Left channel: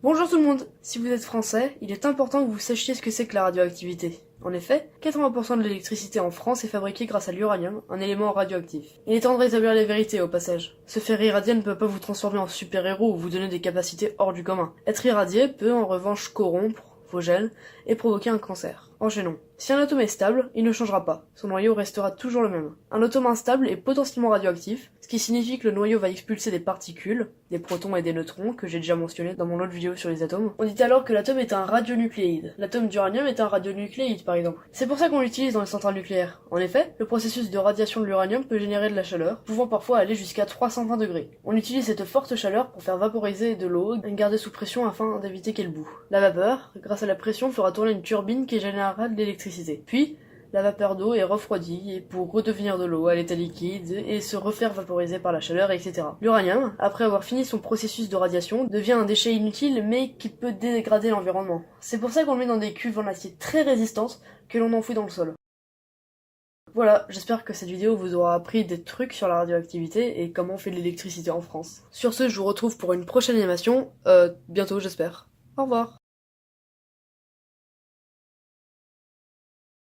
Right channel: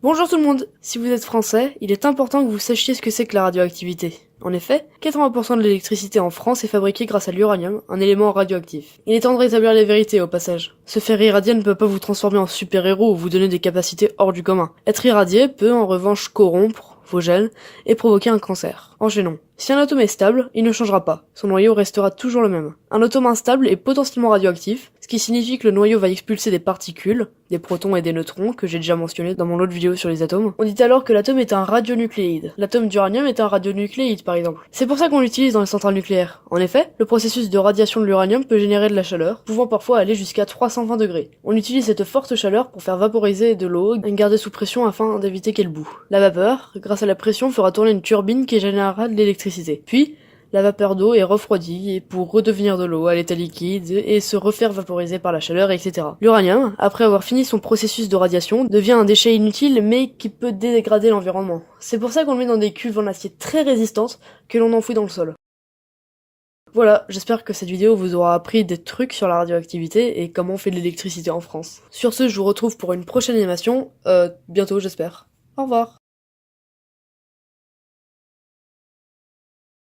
Bonjour tout le monde. Si vous êtes français, il est important que vous sachiez ce que c'est que la radioactivité. En effet, 80% de l'électricité en France est fabriquée grâce à l'uranium, un élément radioactif. Il est temps de rétablir les vérités au passage. Se faire irradier ne peut pas vous transformer en super-héros ou vous donner des capacités hors du commun. Être irradié peut en revanche corrompre vos gènes et provoquer un cancer. Enchaînons. Si un atome est stable, il ne changera pas. Son noyau restera toujours le même. Un atome instable est potentiellement radioactif, ce qui signifie que le noyau va expulser des particules, des protons et des neutrons, que j'ai déjà mentionné dans mon autre vidéo sur les atomes. On dit alors que l'atome est un radionucléide. L'atome d'uranium est un radionucléide, par exemple. C'est pour ça qu'on l'utilise dans les centrales nucléaires. En effet, le processus de radiation de l'uranium peut générer de la chaleur, pouvant parfois aller jusqu'à 320 degrés. On utilise cette forte chaleur pour faire vaporiser de l'eau et garder sous pression afin d'éviter qu'elle boue. La vapeur, grâce à la pression, fera tourner une turbine qui générera de l'électricité. Puis, la vapeur d'eau est refroidie pour redevenir de l'eau à l'état liquide et se refaire vaporiser par la chaleur, etc. L'uranium, après avoir fini son processus de radiation, devient un déchet inutile mais qui peut dégrader l'environnement. C'est pour ça qu'on le met dans des cuves en acier très résistantes que l'on enfouit dans le sol. Voilà, j'espère que cette vidéo vous aura appris des trucs sur la radioactivité et comment on fait de l'électricité en France. Sur ce, je vous retrouve pour une prochaine animation, bientôt j'espère. Au revoir.